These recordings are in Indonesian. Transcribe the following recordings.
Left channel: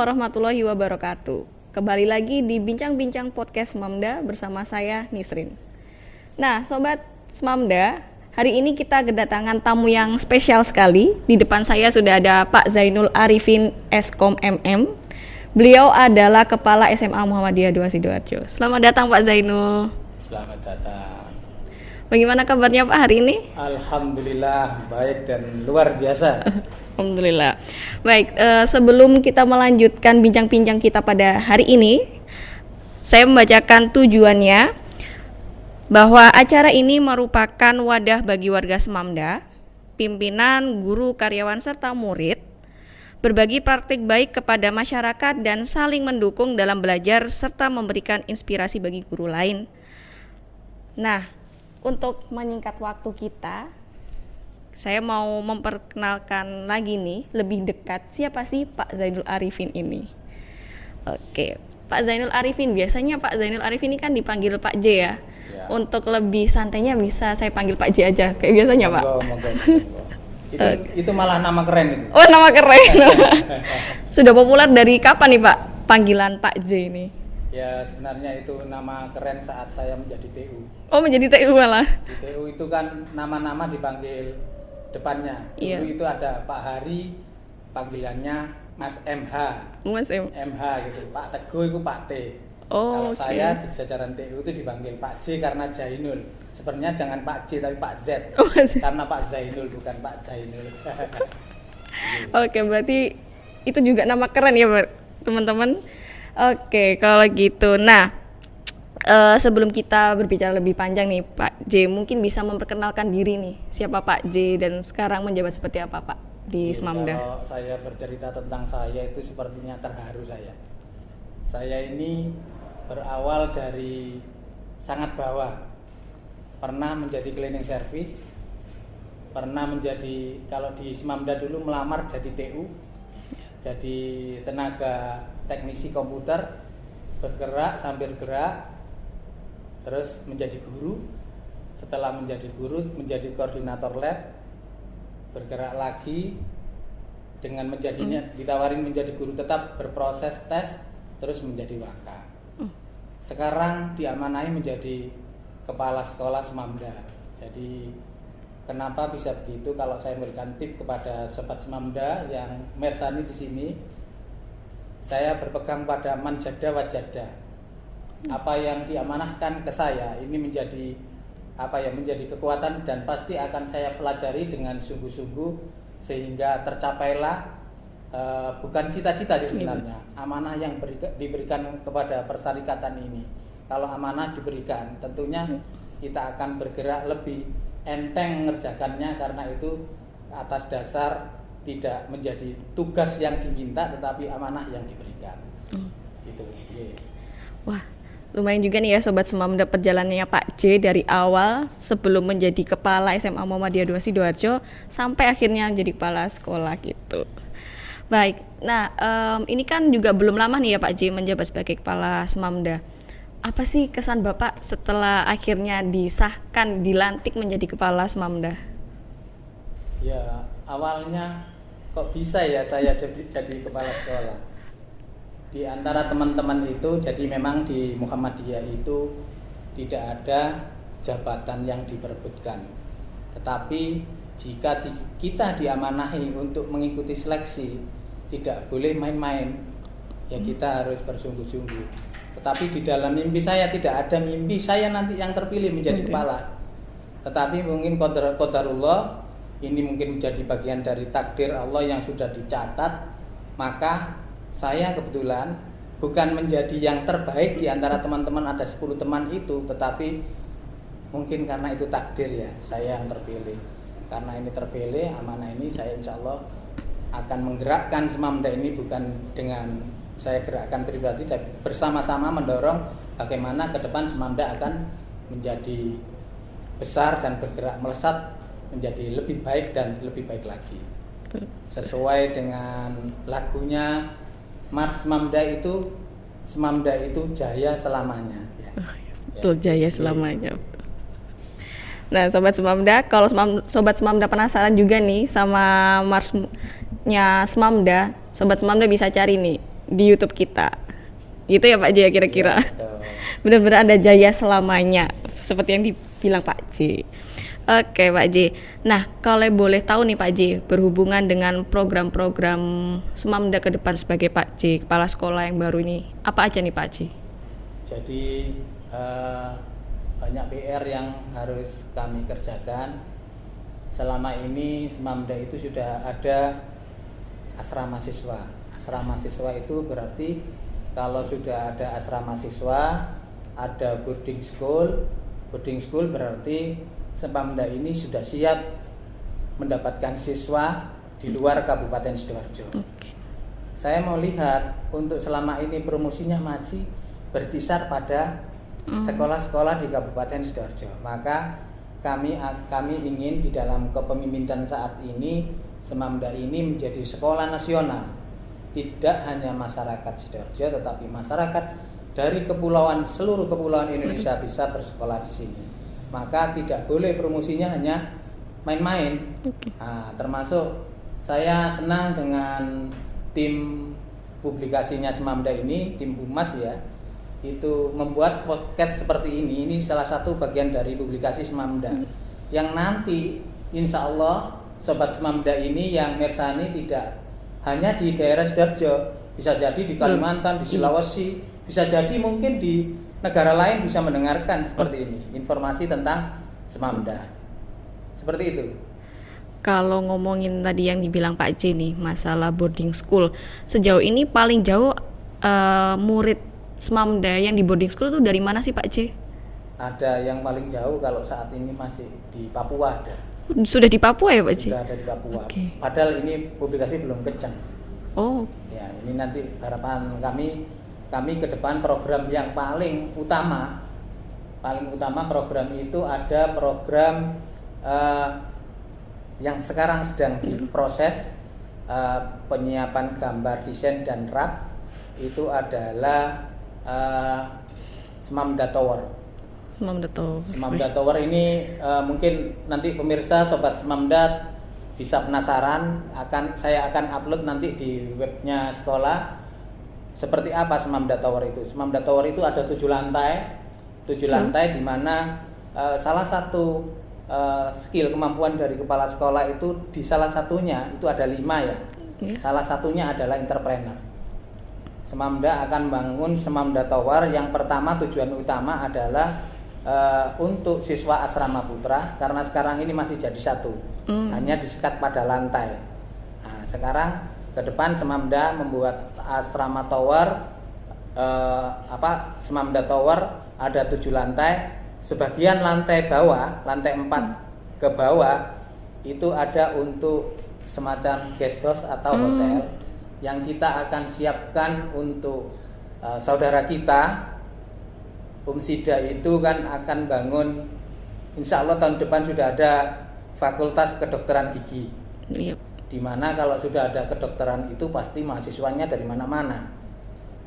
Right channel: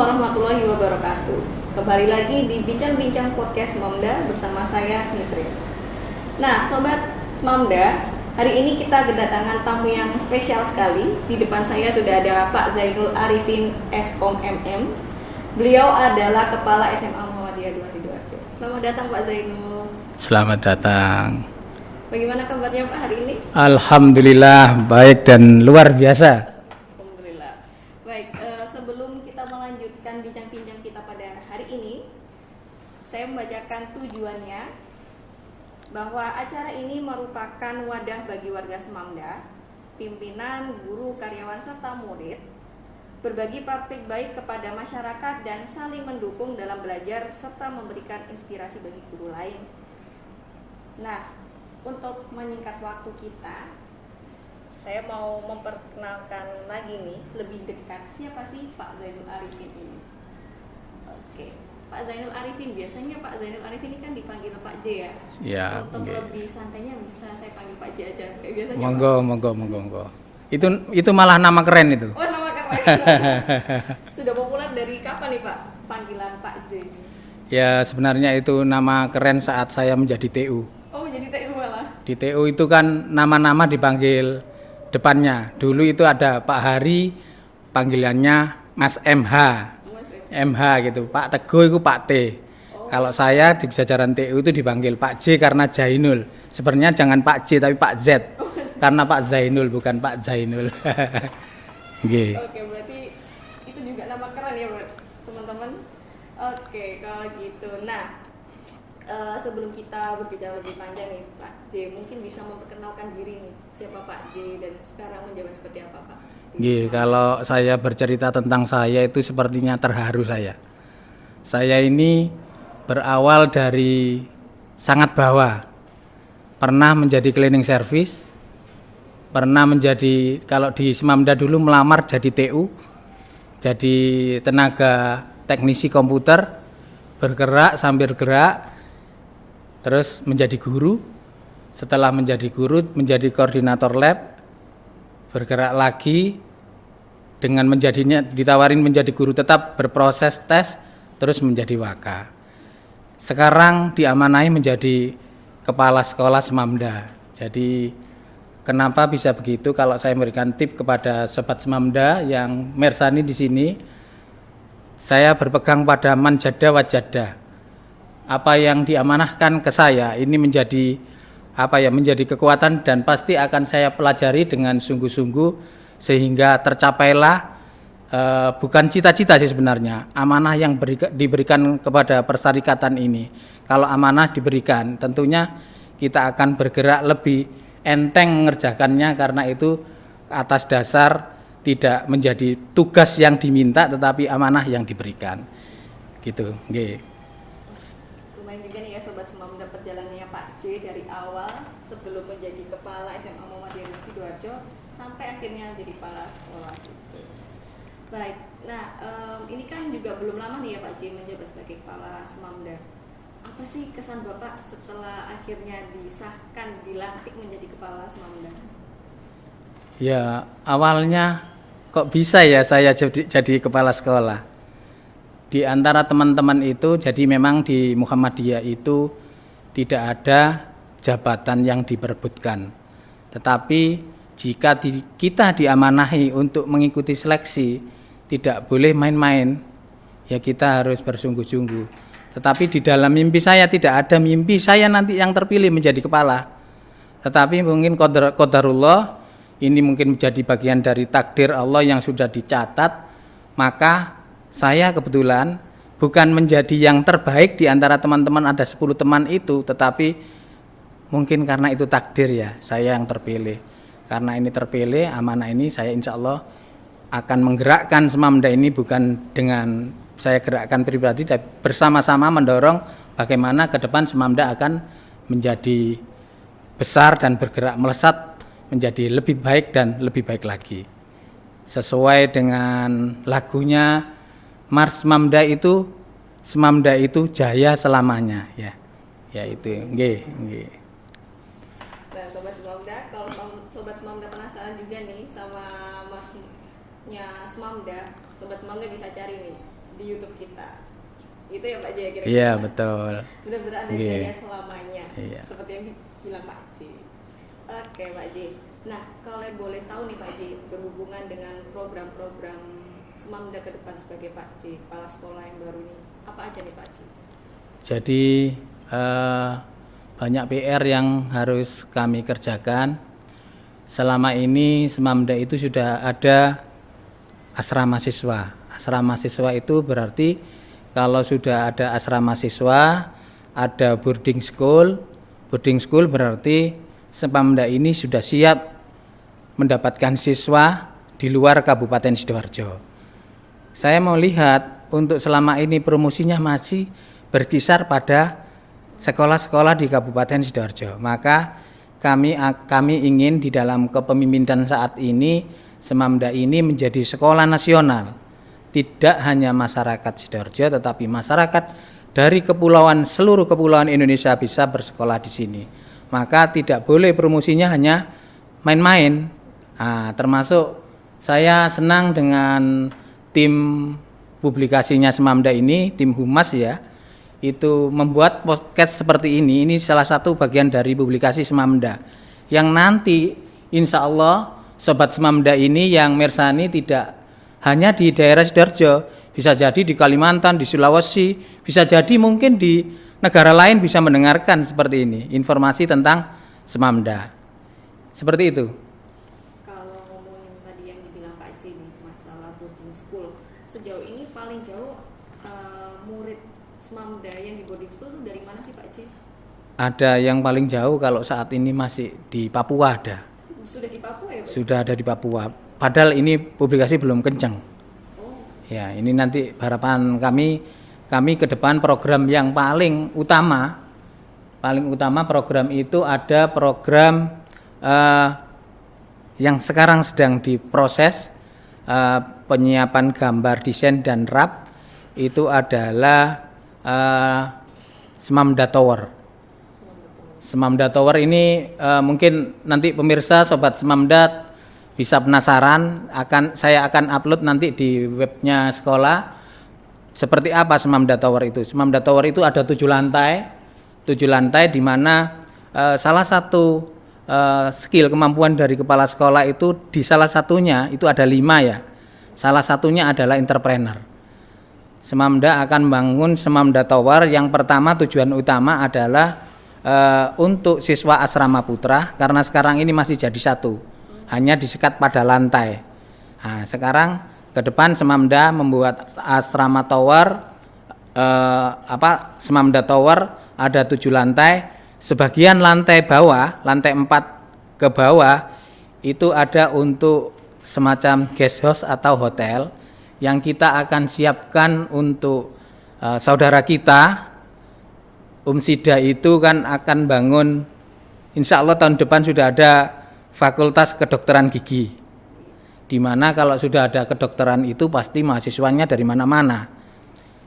warahmatullahi wabarakatuh. Kembali lagi di Bincang-Bincang Podcast Smamda bersama saya Nisrin. Nah, Sobat Smamda, hari ini kita kedatangan tamu yang spesial sekali. Di depan saya sudah ada Pak Zainul Arifin Eskom MM. Beliau adalah Kepala SMA Muhammadiyah 2 Sidoarjo. Selamat datang Pak Zainul. Selamat datang. Bagaimana kabarnya Pak hari ini? Alhamdulillah baik dan luar biasa. Alhamdulillah. Baik, sebelum kita melanjutkan bincang-bincang kita pada hari ini, saya membacakan tujuannya bahwa acara ini merupakan wadah bagi warga Smamda, pimpinan, guru, karyawan, serta murid berbagi praktik baik kepada masyarakat dan saling mendukung dalam belajar serta memberikan inspirasi bagi guru lain. Nah, untuk menyingkat waktu kita, saya mau memperkenalkan lagi nih lebih dekat siapa sih Pak Zainul Arifin ini. Oke, Pak Zainul Arifin, biasanya Pak Zainul Arifin ini kan dipanggil Pak J ya. Ya. Untuk lebih santainya bisa saya panggil Pak J aja kayak biasanya Pak. Monggo. Itu malah nama keren itu. Oh, nama keren. Sudah populer dari kapan nih Pak panggilan Pak J ini? Ya sebenarnya itu nama keren saat saya menjadi TU. Oh, menjadi TU malah. Di TU itu kan nama-nama dipanggil depannya. Dulu itu ada Pak Hari, panggilannya Mas MH. Mas MH gitu. Pak Teguh itu Pak T. Oh, kalau saya di jajaran TU itu dipanggil Pak J karena Jainul. Sebenarnya jangan Pak J tapi Pak Z. Karena Pak Zainul bukan Pak Jainul. Okay. Oke, berarti itu juga nama keren ya teman-teman. Oke, kalau gitu. Nah, sebelum kita berbicara lebih panjang nih Pak J, mungkin bisa memperkenalkan diri nih, siapa Pak J dan sekarang menjabat seperti apa Pak di Smamda? Kalau saya bercerita tentang saya itu sepertinya terharu saya. Saya ini berawal dari sangat bawah. Pernah menjadi cleaning service, pernah menjadi, kalau di Smamda dulu melamar jadi TU, jadi tenaga teknisi komputer, bergerak sambil gerak, terus menjadi guru. Setelah menjadi guru, menjadi koordinator lab, bergerak lagi dengan menjadinya, ditawarin menjadi guru tetap berproses tes, terus menjadi waka. Sekarang diamanahi menjadi kepala sekolah Smamda. Jadi kenapa bisa begitu? Kalau saya memberikan tip kepada sobat Smamda yang mersani di sini, saya berpegang pada manjada wajada. Apa yang diamanahkan ke saya ini menjadi menjadi kekuatan dan pasti akan saya pelajari dengan sungguh-sungguh sehingga tercapailah bukan cita-cita sih sebenarnya, amanah yang diberikan kepada persyarikatan ini. Kalau amanah diberikan, tentunya kita akan bergerak lebih enteng mengerjakannya karena itu atas dasar tidak menjadi tugas yang diminta tetapi amanah yang diberikan. Gitu, nggih. Wah, lumayan juga nih ya Sobat Smamda perjalanannya Pak J dari awal sebelum menjadi kepala SMA Muhammadiyah 2 Sidoarjo sampai akhirnya jadi kepala sekolah gitu. Baik, nah ini kan juga belum lama nih ya Pak J menjabat sebagai kepala Smamda. Apa sih kesan Bapak setelah akhirnya disahkan, dilantik menjadi kepala Smamda? Ya, awalnya kok bisa ya saya jadi kepala sekolah. Di antara teman-teman itu, jadi memang di Muhammadiyah itu tidak ada jabatan yang diperebutkan. Tetapi jika kita diamanahi untuk mengikuti seleksi, tidak boleh main-main. Ya kita harus bersungguh-sungguh. Tetapi di dalam mimpi saya tidak ada mimpi saya nanti yang terpilih menjadi kepala. Tetapi mungkin qadarullah, ini mungkin menjadi bagian dari takdir Allah yang sudah dicatat. Maka saya kebetulan bukan menjadi yang terbaik di antara teman-teman, ada 10 teman itu, tetapi mungkin karena itu takdir ya, saya yang terpilih. Karena ini terpilih, amanah ini saya insya Allah akan menggerakkan Smamda ini bukan dengan saya gerakkan pribadi, tapi bersama-sama mendorong bagaimana ke depan Smamda akan menjadi besar dan bergerak melesat menjadi lebih baik dan lebih baik lagi. Sesuai dengan lagunya Mars Smamda itu jaya selamanya ya. Betul, jaya selamanya. Nah, Sobat Smamda, kalau Sobat Smamda penasaran juga nih sama Marsnya Smamda, Sobat Smamda bisa cari nih di YouTube kita. Gitu ya Pak J ya kira-kira. Iya, betul. Benar-benar Anda jaya selamanya, seperti yang dibilang Pak J. Oke Pak J. Nah, kalau boleh tahu nih Pak J, berhubungan dengan program-program Semamda ke depan sebagai Pak J, kepala sekolah yang baru ini, apa aja nih Pak J? Jadi banyak PR yang harus kami kerjakan. Selama ini Semamda itu sudah ada asrama siswa. Asrama siswa itu berarti kalau sudah ada asrama siswa, ada boarding school. Boarding school berarti Semamda ini sudah siap mendapatkan siswa di luar Kabupaten Sidoarjo. Saya mau lihat untuk selama ini promosinya masih berkisar pada sekolah-sekolah di Kabupaten Sidoarjo. Maka kami ingin di dalam kepemimpinan saat ini Semamda ini menjadi sekolah nasional. Tidak hanya masyarakat Sidoarjo tetapi masyarakat dari seluruh kepulauan Indonesia bisa bersekolah di sini. Maka tidak boleh promosinya hanya main-main. Nah, termasuk saya senang dengan tim publikasinya Semamda ini, tim Humas ya, itu membuat podcast seperti ini. Ini salah satu bagian dari publikasi Semamda yang nanti insya Allah Sobat Semamda ini yang mirsani tidak hanya di daerah Sidoarjo, bisa jadi di Kalimantan, di Sulawesi, bisa jadi mungkin di negara lain bisa mendengarkan seperti ini, informasi tentang Semamda. Seperti itu. Kalau ngomongin tadi yang dibilang Pak J nih, masalah boarding school, sejauh ini paling jauh murid Semamda yang di boarding school itu dari mana sih Pak J? Ada yang paling jauh kalau saat ini masih di Papua ada. Sudah di Papua ya Pak J? Sudah ada di Papua. Okay. Padahal ini publikasi belum kencang. Oh. Ya, ini nanti harapan kami ke depan program yang paling utama program itu ada program yang sekarang sedang diproses penyiapan gambar desain dan rap itu adalah Semamda Tower. Semamda Tower ini mungkin nanti pemirsa Sobat Semamda bisa penasaran, saya akan upload nanti di webnya sekolah seperti apa Semamda Tower itu. Semamda Tower itu ada 7 lantai di mana salah satu skill kemampuan dari kepala sekolah itu di salah satunya itu ada 5 ya. Salah satunya adalah entrepreneur. Semamda akan bangun Semamda Tower. Yang pertama tujuan utama adalah untuk siswa asrama putra karena sekarang ini masih jadi satu, hanya disekat pada lantai. Nah, sekarang ke depan Semamda membuat asrama tower, Semamda Tower ada 7 lantai. Sebagian lantai bawah, lantai 4 ke bawah itu ada untuk semacam guest house atau hotel yang kita akan siapkan untuk saudara kita. Sida itu kan akan bangun, insya Allah tahun depan sudah ada fakultas kedokteran gigi. Yep. Dimana kalau sudah ada kedokteran itu pasti mahasiswanya dari mana-mana.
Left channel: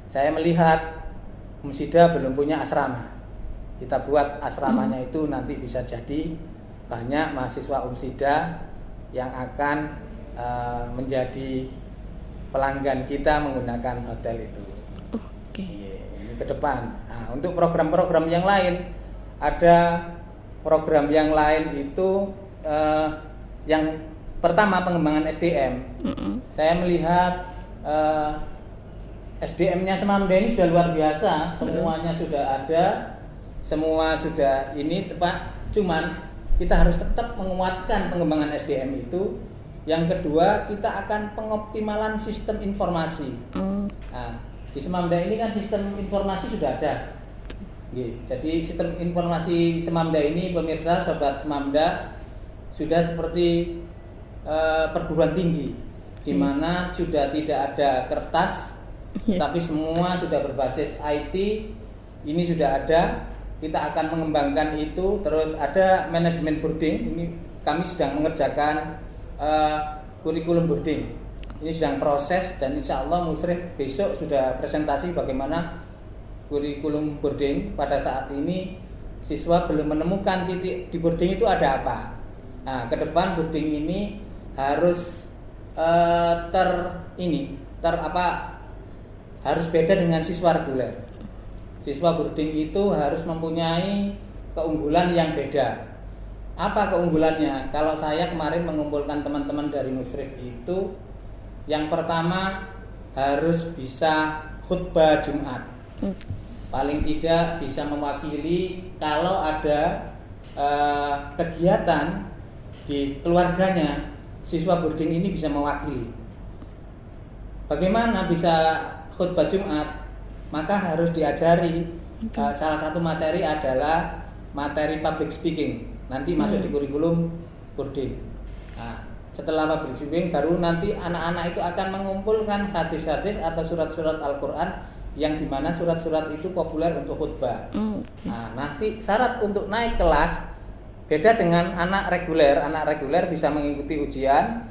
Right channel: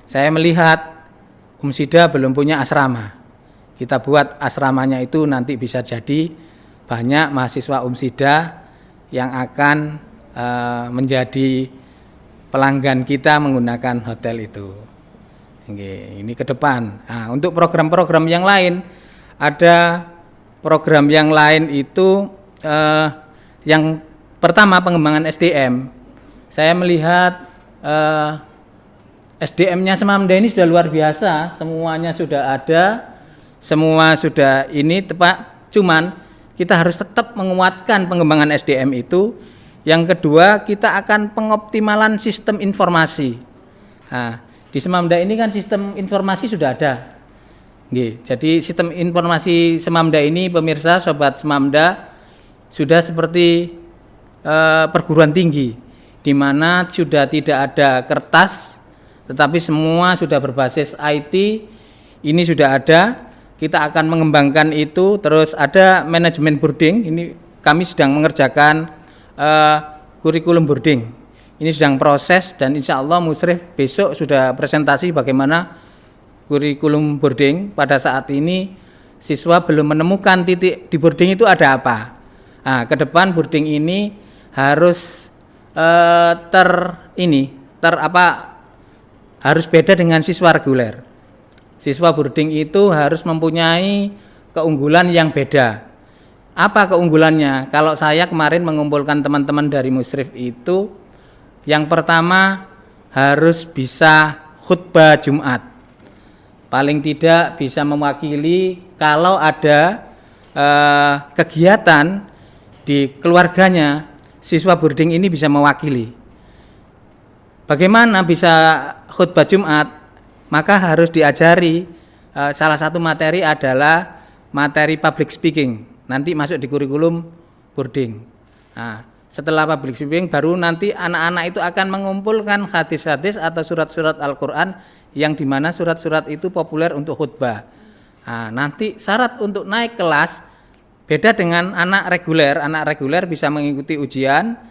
Saya melihat Sida belum punya asrama. Kita buat asramanya itu nanti bisa jadi banyak mahasiswa Sida yang akan menjadi pelanggan kita menggunakan hotel itu. Oke, ini ke depan. Nah, untuk program-program yang lain, ada program yang lain itu yang pertama pengembangan SDM. Saya melihat SDM-nya Semamda ini sudah luar biasa, semuanya sudah ada, semua sudah ini tepat. Cuman kita harus tetap menguatkan pengembangan SDM itu. Yang kedua, kita akan pengoptimalan sistem informasi. Nah, di Semamda ini kan sistem informasi sudah ada. Jadi sistem informasi Semamda ini pemirsa Sobat Semamda sudah seperti perguruan tinggi di mana sudah tidak ada kertas tetapi semua sudah berbasis IT. Ini sudah ada, kita akan mengembangkan itu. Terus ada manajemen boarding, ini kami sedang mengerjakan kurikulum boarding. Ini sedang proses dan insya Allah Musrif besok sudah presentasi bagaimana kurikulum boarding. Pada saat ini siswa belum menemukan titik di boarding itu ada apa. Nah, ke depan boarding ini harus harus beda dengan siswa reguler. Siswa boarding itu harus mempunyai keunggulan yang beda. Apa keunggulannya? Kalau saya kemarin mengumpulkan teman-teman dari Musrif itu, yang pertama harus bisa khutbah Jumat. Paling tidak bisa mewakili kalau ada kegiatan di keluarganya, siswa boarding ini bisa mewakili. Bagaimana bisa khutbah Jumat? Maka harus diajari salah satu materi adalah materi public speaking. Nanti masuk di kurikulum boarding. Nah, setelah public speaking baru nanti anak-anak itu akan mengumpulkan hadis-hadis atau surat-surat Al-Quran yang dimana surat-surat itu populer untuk khutbah. Nah, nanti syarat untuk naik kelas beda dengan anak reguler. Anak reguler bisa mengikuti ujian,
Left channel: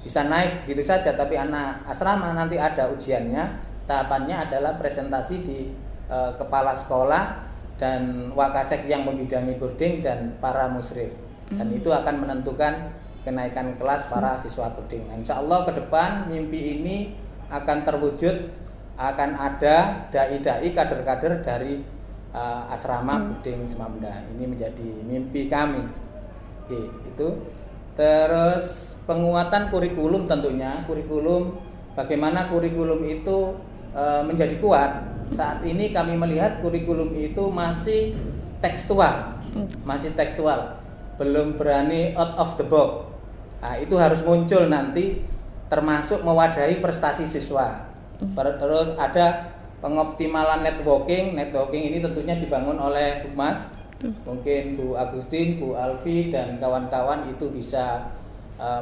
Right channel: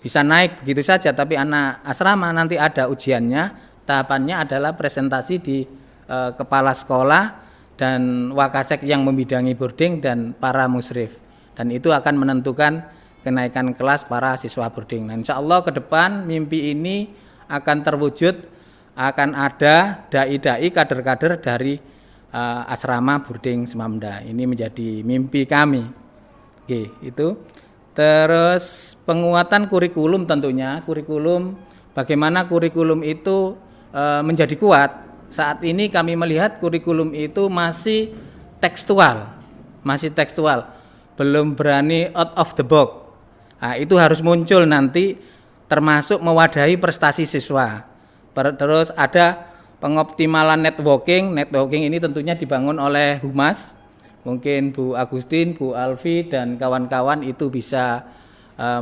bisa naik begitu saja, tapi anak asrama nanti ada ujiannya. Tahapannya adalah presentasi di kepala sekolah dan wakasek yang membidangi boarding dan para musrif. Dan itu akan menentukan kenaikan kelas para siswa boarding. Nah, insya Allah ke depan mimpi ini akan terwujud, akan ada dai-dai kader-kader dari asrama boarding Semamda. Ini menjadi mimpi kami. Oke, itu. Terus penguatan kurikulum tentunya, bagaimana kurikulum itu menjadi kuat. Saat ini kami melihat kurikulum itu masih tekstual, belum berani out of the box. Nah, itu harus muncul nanti, termasuk mewadahi prestasi siswa. Terus ada pengoptimalan networking ini tentunya dibangun oleh Humas. Mungkin Bu Agustin, Bu Alfi dan kawan-kawan itu bisa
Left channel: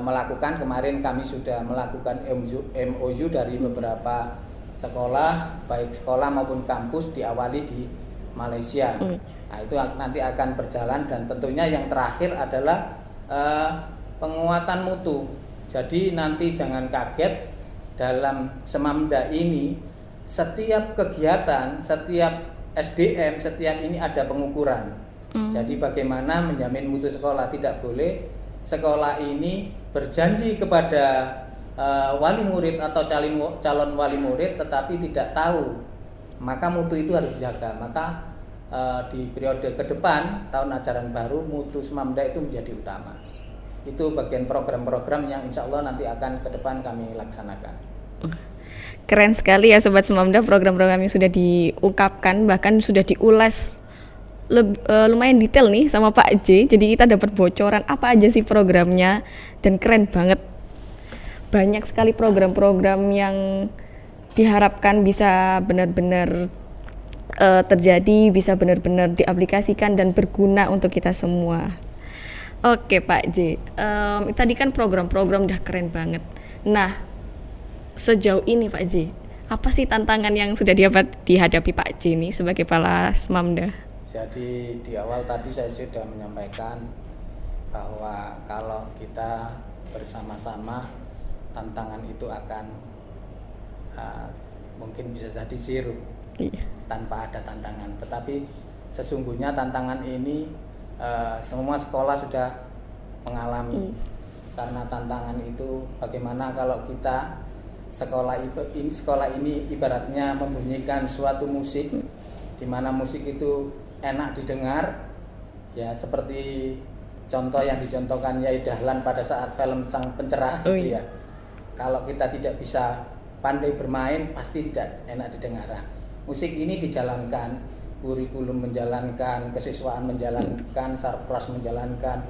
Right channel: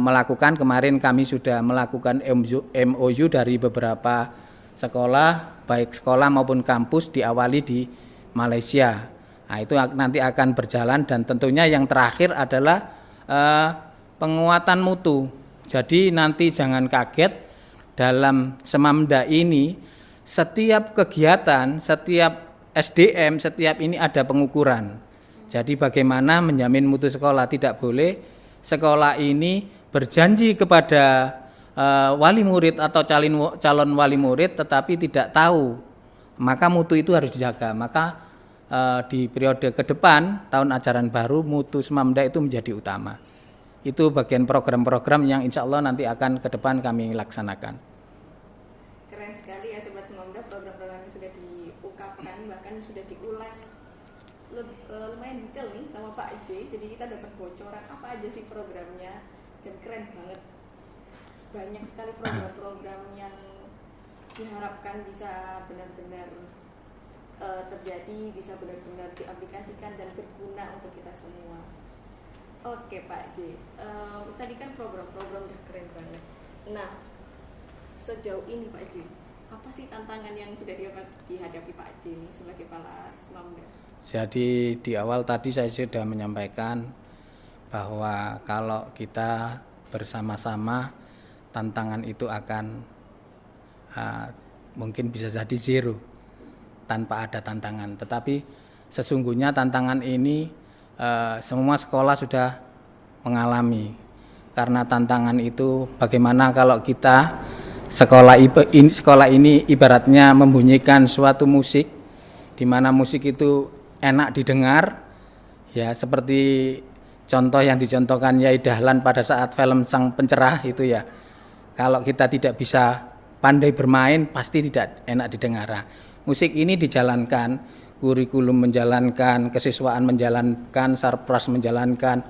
melakukan. Kemarin kami sudah melakukan MOU dari beberapa sekolah, baik sekolah maupun kampus, diawali di Malaysia. Nah, itu nanti akan berjalan. Dan tentunya yang terakhir adalah penguatan mutu. Jadi nanti jangan kaget, dalam Semamda ini setiap kegiatan, setiap SDM, setiap ini ada pengukuran. Jadi bagaimana menjamin mutu sekolah. Tidak boleh sekolah ini berjanji kepada wali murid atau calon wali murid tetapi tidak tahu, maka mutu itu harus dijaga. Maka di periode ke depan tahun ajaran baru mutu Semamda itu menjadi utama. Itu bagian program-program yang insya Allah nanti akan ke depan kami laksanakan. Keren sekali ya Sobat Semamda, program-program yang sudah diungkapkan, bahkan sudah diulas lumayan detail nih sama Pak J. Jadi kita dapat bocoran apa aja sih programnya, dan keren banget. Banyak sekali program-program yang diharapkan bisa benar-benar terjadi, bisa benar-benar diaplikasikan dan berguna untuk kita semua. Oke Pak J, tadi kan program-program udah keren banget. Nah, sejauh ini Pak J, apa sih tantangan yang sudah dihadapi Pak J ini sebagai kepala Semamda? Jadi di awal tadi saya sudah menyampaikan bahwa kalau kita bersama-sama, tantangan itu akan mungkin bisa jadi zero tanpa ada tantangan. Tetapi sesungguhnya tantangan ini semua sekolah sudah mengalami. Karena tantangan itu bagaimana kalau kita sekolah ini ibaratnya membunyikan suatu musik, di mana musik itu enak didengar, ya seperti contoh yang dicontohkan Yai Dahlan pada saat film Sang Pencerah itu ya. Kalau kita tidak bisa pandai bermain, pasti tidak enak didengar. Musik ini dijalankan, kurikulum menjalankan, kesiswaan menjalankan, Sarpras menjalankan,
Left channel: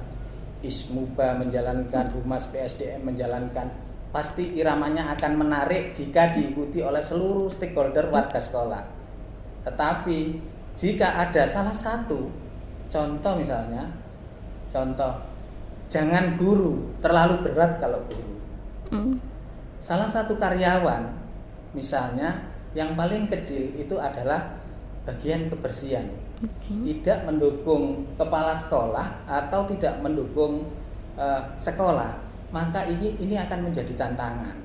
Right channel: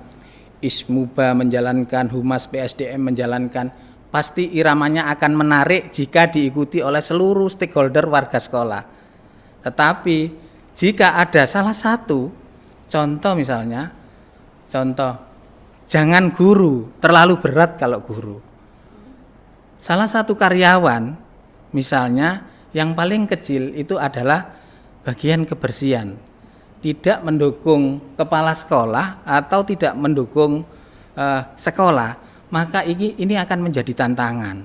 Ismuba menjalankan, Humas PSDM menjalankan, pasti iramanya akan menarik jika diikuti oleh seluruh stakeholder warga sekolah. Tetapi jika ada salah satu contoh, misalnya jangan guru terlalu berat. Kalau guru salah satu karyawan misalnya yang paling kecil itu adalah bagian kebersihan, tidak mendukung kepala sekolah atau tidak mendukung sekolah, maka ini akan menjadi tantangan.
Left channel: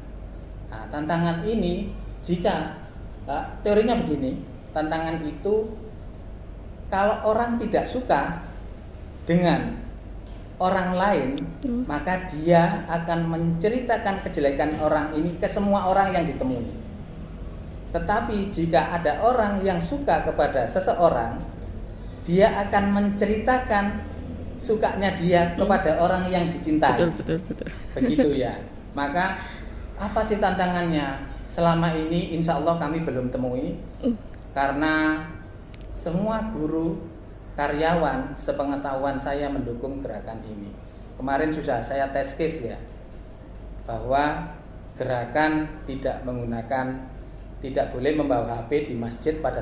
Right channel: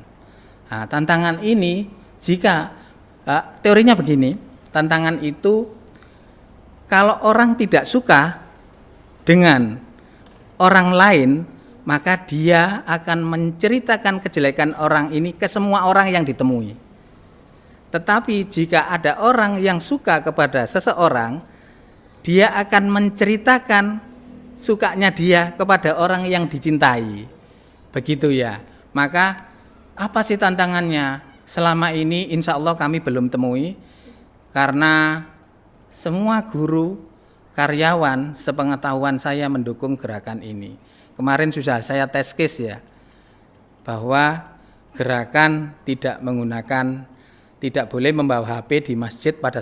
Nah, tantangan ini jika teorinya begini, tantangan itu kalau orang tidak suka dengan orang lain, maka dia akan menceritakan kejelekan orang ini ke semua orang yang ditemui. Tetapi jika ada orang yang suka kepada seseorang, dia akan menceritakan sukanya dia kepada orang yang dicintai. Betul. Begitu ya. Maka apa sih tantangannya? Selama ini insya Allah kami belum temui, karena semua guru, karyawan, sepengetahuan saya mendukung gerakan ini. Kemarin sudah saya tes case ya, bahwa gerakan tidak boleh membawa HP di masjid pada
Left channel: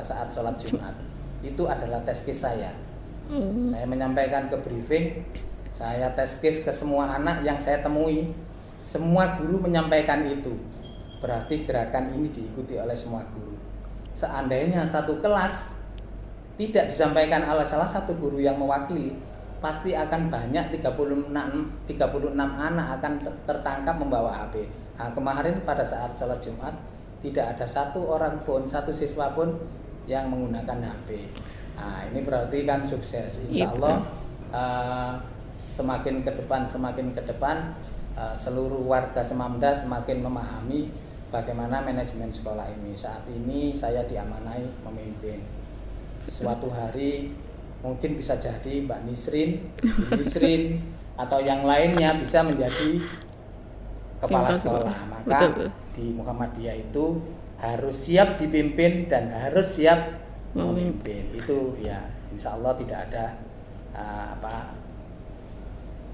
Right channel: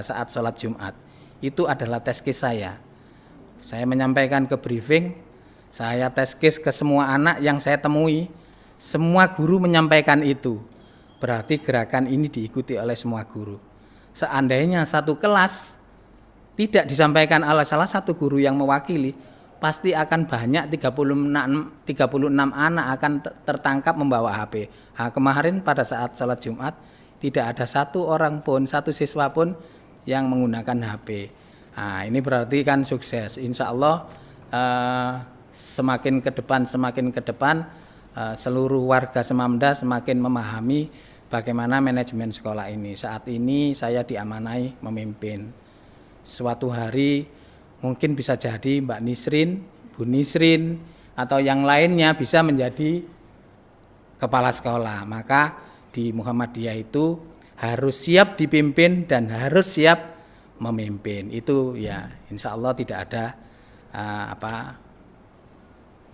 saat sholat Jumat. Itu adalah tes case saya. Saya menyampaikan ke briefing, saya tes case ke semua anak yang saya temui, semua guru menyampaikan itu. Berarti gerakan ini diikuti oleh semua guru. Seandainya satu kelas tidak disampaikan oleh salah satu guru yang mewakili, pasti akan banyak 36 anak akan tertangkap membawa HP. Kemarin pada saat sholat Jumat tidak ada satu orang pun, satu siswa pun yang menggunakan HP. Ini berarti kan sukses. Insya Allah semakin ke depan seluruh warga Semamda semakin memahami bagaimana manajemen sekolah ini. Saat ini saya diamanai memimpin. Suatu hari mungkin bisa jadi Mbak Nisrin, Bu Nisrin atau yang lainnya bisa menjadi kepala sekolah. Maka di Muhammadiyah itu harus siap dipimpin dan harus siap memimpin. Itu ya insya Allah tidak ada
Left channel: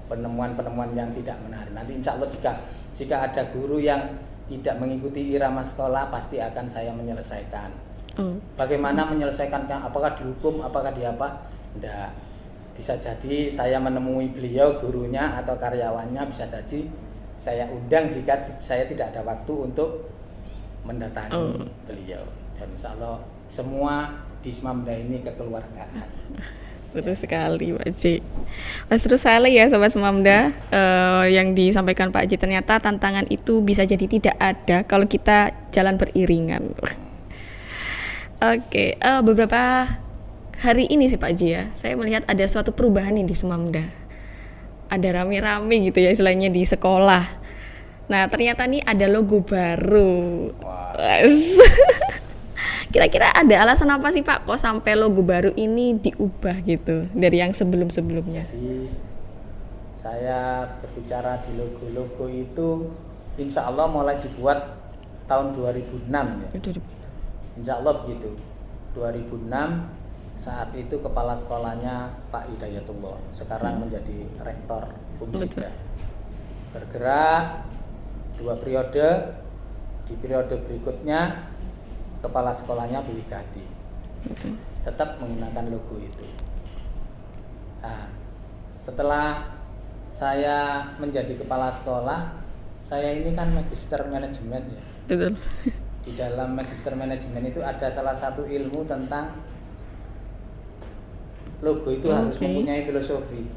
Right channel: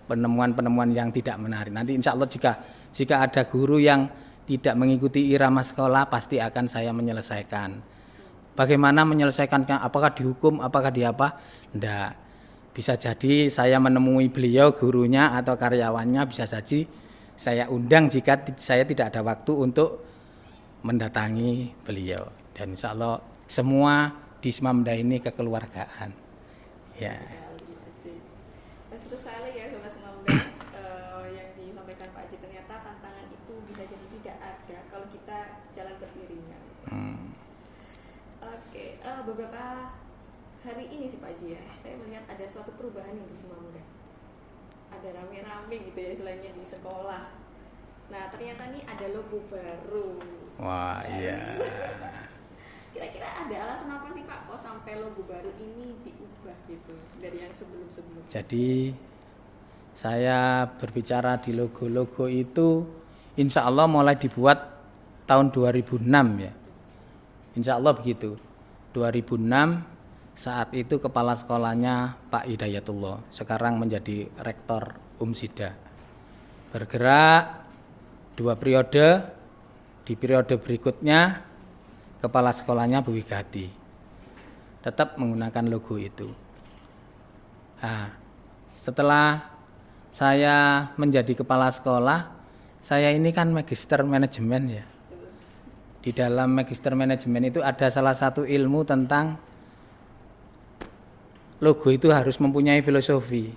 penemuan-penemuan yang tidak menarik. Nanti insya Allah jika ada guru yang tidak mengikuti irama sekolah, pasti akan saya menyelesaikan. Bagaimana menyelesaikan? Apakah dihukum? Apakah diapa? Enggak. Bisa jadi saya menemui beliau, gurunya atau karyawannya, bisa saja saya undang jika saya tidak ada waktu untuk mendatangi beliau. Dan insya Allah semua di Semamda ini kekeluargaan. Betul sekali Pak Haji. Mas terus sekali ya Sobat Semamda, yang disampaikan Pak Haji, ternyata tantangan itu bisa jadi tidak ada kalau kita jalan beriringan. Oke, beberapa hari ini sih Pak Haji ya, saya melihat ada suatu perubahan nih di Semamda. Ada rame-rame gitu ya istilahnya di sekolah. Nah ternyata nih ada logo baru. Kira-kira ada alasan apa sih Pak kok sampai logo baru ini diubah gitu dari yang sebelum-sebelumnya? Jadi saya berbicara di logo-logo itu insya Allah mulai dibuat tahun 2006 ya. Insya Allah begitu. 2006 saat itu kepala sekolahnya Pak Hidayatullah, sekarang menjadi rektor Umsida. Bergerak 2 periode, di periode berikutnya kepala sekolahnya Bu Wigadi. Tetap menggunakan logo itu. Nah, setelah saya menjadi kepala sekolah, saya ini kan magister manajemen ya. Betul. Di dalam magister manajemen itu ada salah satu ilmu tentang logo itu harus mempunyai filosofi.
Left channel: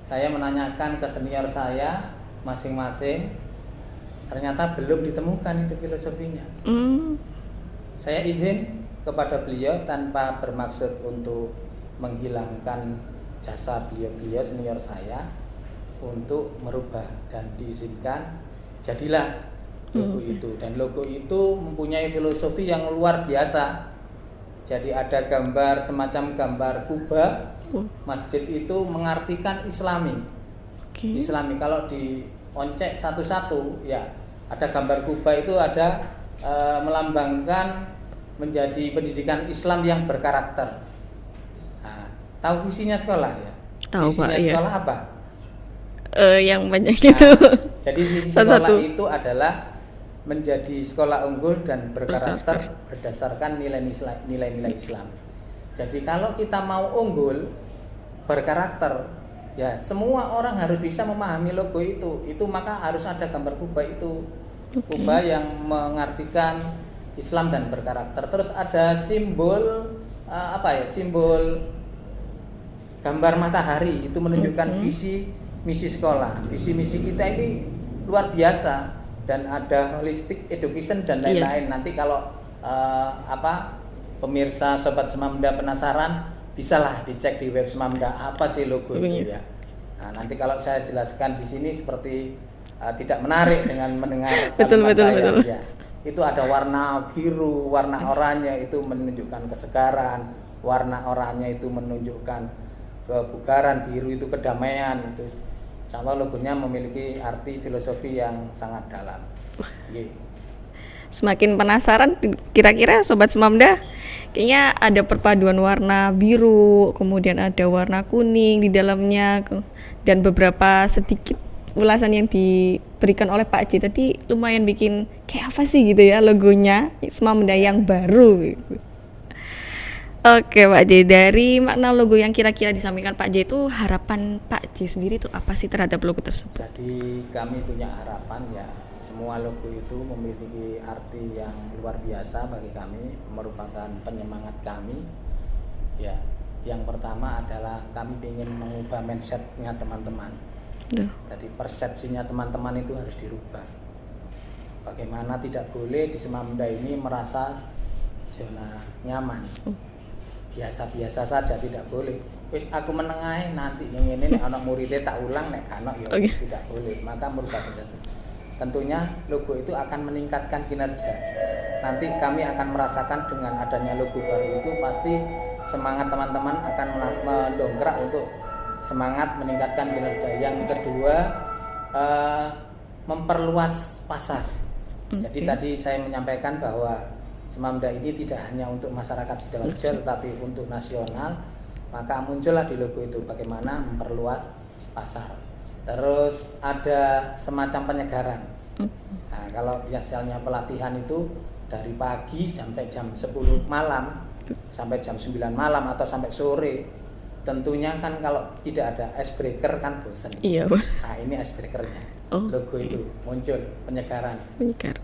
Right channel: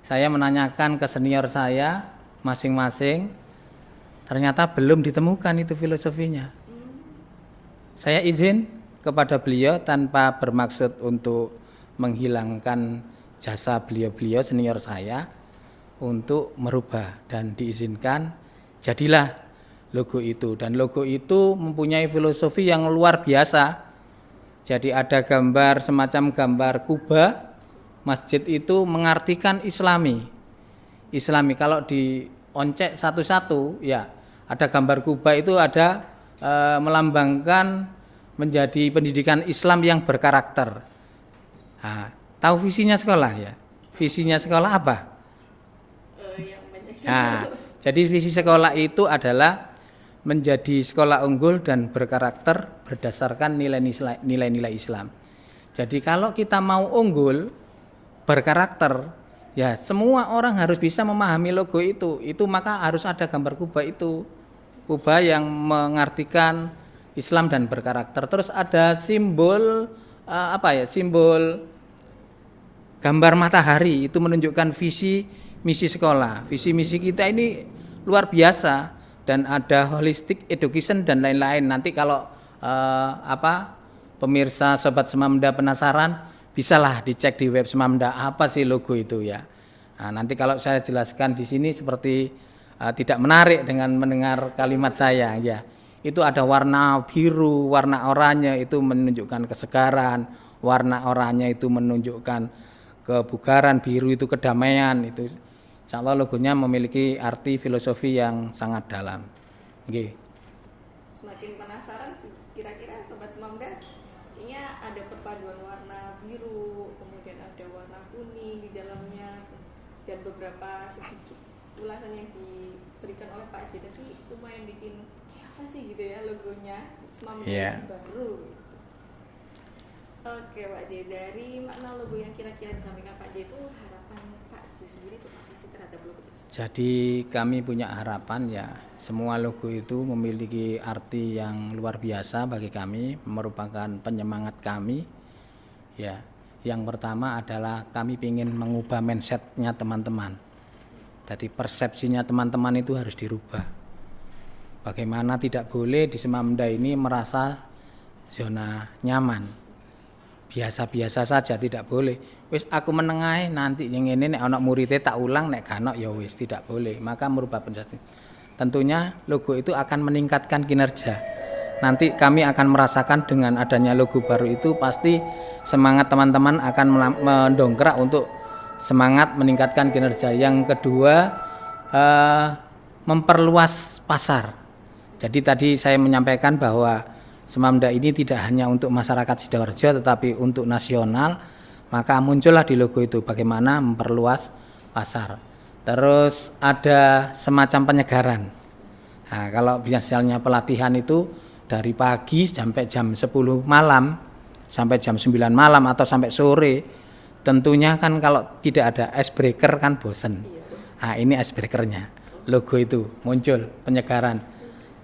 Saya menanyakan ke senior saya masing-masing, ternyata belum ditemukan itu filosofinya. Saya izin kepada beliau tanpa bermaksud untuk menghilangkan jasa beliau senior saya untuk merubah, dan diizinkan jadilah logo itu. Dan logo itu mempunyai filosofi yang luar biasa. Jadi ada gambar semacam gambar Kuba. Masjid itu mengartikan Islami. Islami kalau dioncek satu-satu ya, ada gambar Kuba itu ada melambangkan menjadi pendidikan Islam yang berkarakter. Nah, tahu visinya sekolah ya? Tahu, visinya Pak, sekolah iya. apa? Yang banyak itu. Jadi visi sekolah itu adalah menjadi sekolah unggul dan berkarakter berdasarkan nilai-nilai Islam. Jadi kalau kita mau unggul, berkarakter, ya semua orang harus bisa memahami logo itu. Itu maka harus ada gambar Kuba itu. Kuba yang mengartikan Islam dan berkarakter. Terus ada simbol simbol gambar matahari, itu menunjukkan visi misi sekolah. Visi misi kita ini luar biasa. Dan ada holistic education dan lain-lain. Nanti kalau pemirsa Sobat Semamda penasaran, bisalah dicek di web Semamda apa sih logo itu ya. Nah, nanti kalau saya jelaskan di sini seperti tidak menarik dengan mendengar kalimat saya. Ya. itu ada warna biru, warna oranye itu menunjukkan kesegaran, warna oranye itu menunjukkan kebugaran, biru itu kedamaian. Itu insya Allah logonya memiliki arti filosofi yang sangat dalam. Oke. Semakin penasaran, kira-kira Sobat Semamda, kayaknya ada perpaduan warna biru, kemudian ada warna kuning di dalamnya, dan beberapa sedikit ulasan yang diberikan oleh Pak J tadi lumayan bikin kayak apa sih gitu ya logonya Semamda yang baru gitu. Oke Pak J, dari makna logo yang kira-kira disampaikan Pak J itu, harapan Pak J sendiri itu apa sih terhadap logo tersebut? Jadi kami punya harapan ya, semua logo itu memiliki arti yang luar biasa bagi kami, merupakan penyemangat kami. Ya, yang pertama adalah kami ingin mengubah mindsetnya teman-teman. Jadi persepsinya teman-teman itu harus dirubah. Bagaimana tidak boleh di Semamda ini merasa zona nyaman. Biasa-biasa saja, tidak boleh. Wis aku menengahi nanti yang ini nek ana muridé tak ulang nek kanok ya wis tidak boleh. Maka merubah persepsi. Tentunya logo itu akan meningkatkan kinerja. Nanti kami akan merasakan dengan adanya logo baru itu pasti semangat teman-teman akan mendongkrak untuk semangat meningkatkan kinerja. Yang kedua, memperluas pasar. Jadi tadi saya menyampaikan bahwa Semamda ini tidak hanya untuk masyarakat Sidoarjo tetapi untuk nasional. Maka muncullah di logo itu bagaimana memperluas pasar. Terus ada semacam penyegaran. Nah, kalau biasanya pelatihan itu dari pagi sampai jam 10 malam sampai jam 9 malam atau sampai sore. Tentunya kan kalau tidak ada icebreaker kan bosen. Iya. Nah ini icebreakernya, logo itu muncul penyegaran.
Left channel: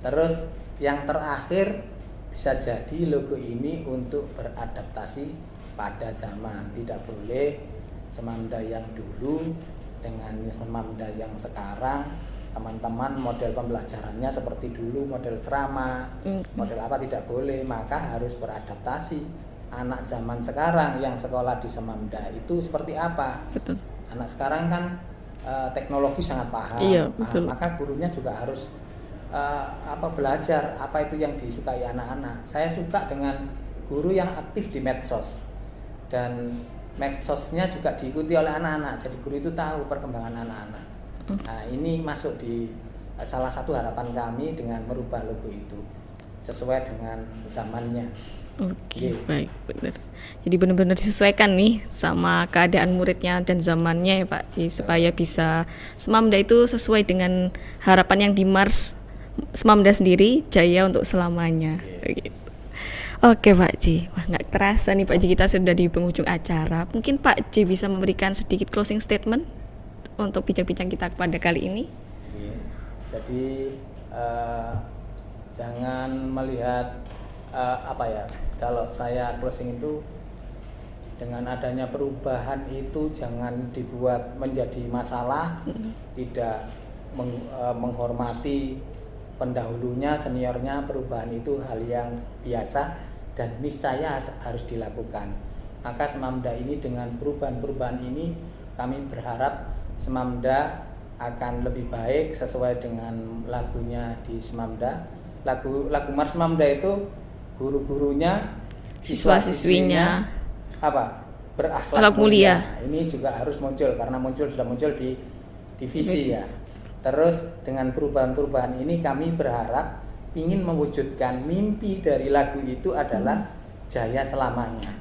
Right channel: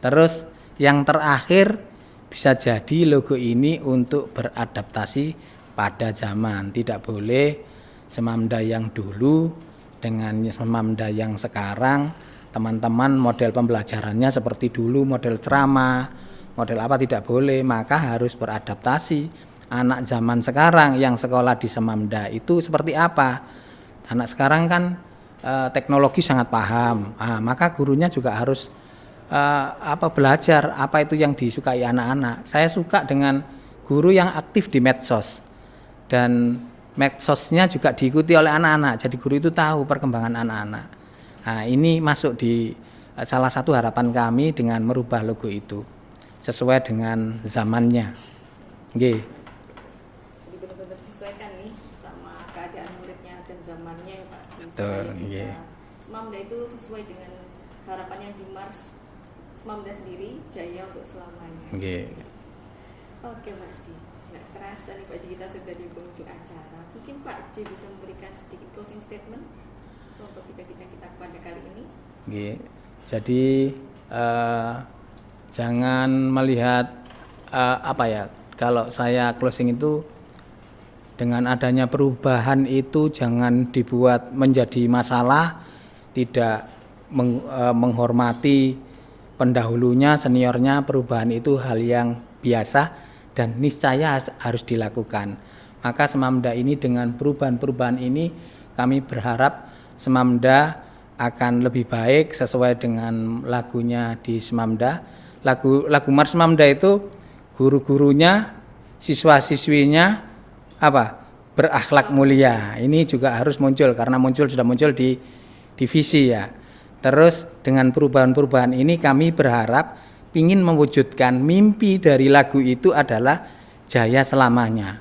Terus yang terakhir bisa jadi logo ini untuk beradaptasi pada zaman. Tidak boleh Semamda yang dulu dengan Semamda yang sekarang. Teman-teman model pembelajarannya seperti dulu, model ceramah, model apa tidak boleh. Maka harus beradaptasi. Anak zaman sekarang yang sekolah di Semamda itu seperti apa? Betul. Anak sekarang kan teknologi sangat paham. Iya, maka gurunya juga harus belajar apa itu yang disukai anak-anak. Saya suka dengan guru yang aktif di medsos dan medsosnya juga diikuti oleh anak-anak. Jadi guru itu tahu perkembangan anak-anak. Nah, ini masuk di salah satu harapan kami dengan merubah logo itu sesuai dengan zamannya. Oke, baik, benar. Jadi benar-benar disesuaikan nih sama keadaan muridnya dan zamannya ya Pak, supaya bisa Semamda itu sesuai dengan harapan yang di Mars Semamda sendiri, jaya untuk selamanya. Gitu. Oke Pak J, wah nggak terasa nih Pak J kita sudah di penghujung acara. Mungkin Pak J bisa memberikan sedikit closing statement untuk bincang-bincang kita pada kali ini. Jadi jangan melihat kalau saya closing itu dengan adanya perubahan itu jangan dibuat menjadi masalah, tidak menghormati pendahulunya, seniornya. Perubahan itu hal yang biasa dan niscaya harus dilakukan. Maka Semamda ini dengan perubahan-perubahan ini kami berharap Semamda akan lebih baik sesuai dengan lagunya di Semamda. Lagu Mars Semamda itu guru-gurunya, siswa-siswinya berakhlak mulia. Ini juga harus muncul karena sudah muncul di divisi ya. Terus dengan perubahan-perubahan ini kami berharap ingin mewujudkan mimpi dari lagu itu adalah jaya selamanya.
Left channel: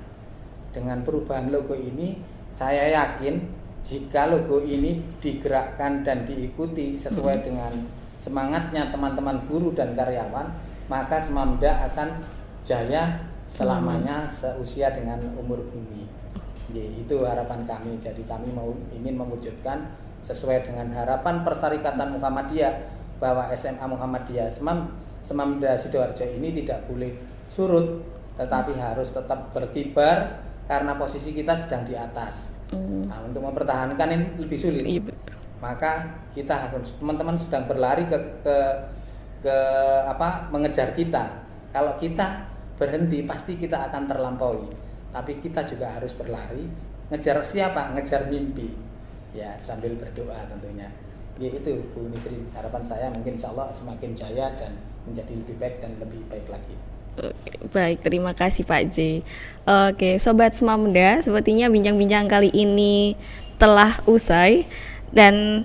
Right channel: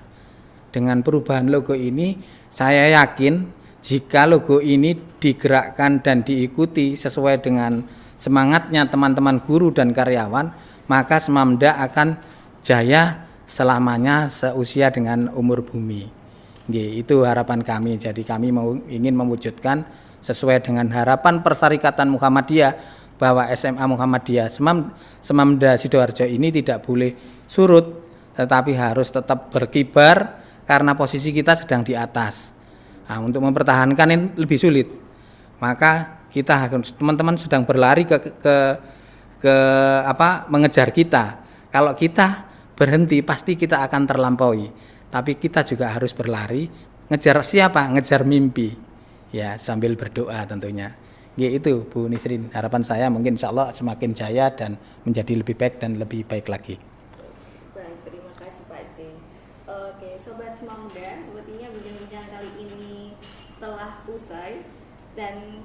Dengan perubahan logo ini saya yakin jika logo ini digerakkan dan diikuti sesuai dengan semangatnya teman-teman guru dan karyawan, maka Semamda akan jaya selamanya seusia dengan umur bumi. Itu harapan kami. Jadi kami ingin mewujudkan sesuai dengan harapan Persyarikatan Muhammadiyah bahwa SMA Muhammadiyah Semamda Sidoarjo ini tidak boleh surut, tetapi harus tetap berkibar karena posisi kita sedang di atas. Nah, untuk mempertahankan ini lebih sulit. Maka kita teman-teman sedang berlari ke mengejar kita. Kalau kita berhenti pasti kita akan terlampaui. Tapi kita juga harus berlari, ngejar siapa? Ngejar mimpi. Ya, sambil berdoa tentunya. Ya itu Bu Nisrin, harapan saya mungkin insya Allah semakin jaya dan menjadi lebih baik dan lebih baik lagi. Oke, baik, terima kasih Pak J. Oke, Sobat Semamda, sepertinya bincang-bincang kali ini telah usai. Dan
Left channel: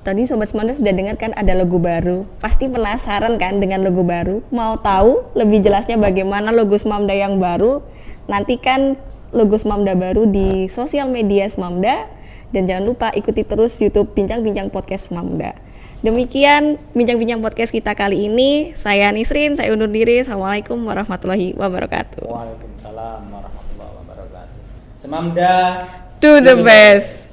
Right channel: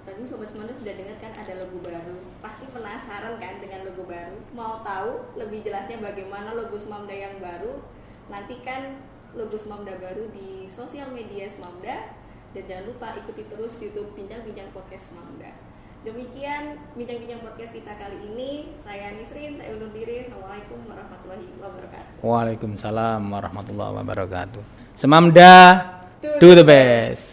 tadi Sobat Semamda sudah dengar kan ada logo baru. Pasti penasaran kan dengan logo baru? Mau tahu lebih jelasnya bagaimana logo Semamda yang baru? Nantikan logo Semamda baru di sosial media Semamda. Dan jangan lupa ikuti terus YouTube Bincang-Bincang Podcast Semamda. Demikian bincang-bincang podcast kita kali ini. Saya Nisrin, saya undur diri. Assalamualaikum warahmatullahi wabarakatuh. Waalaikumsalam warahmatullahi wabarakatuh. Semamda Do the best.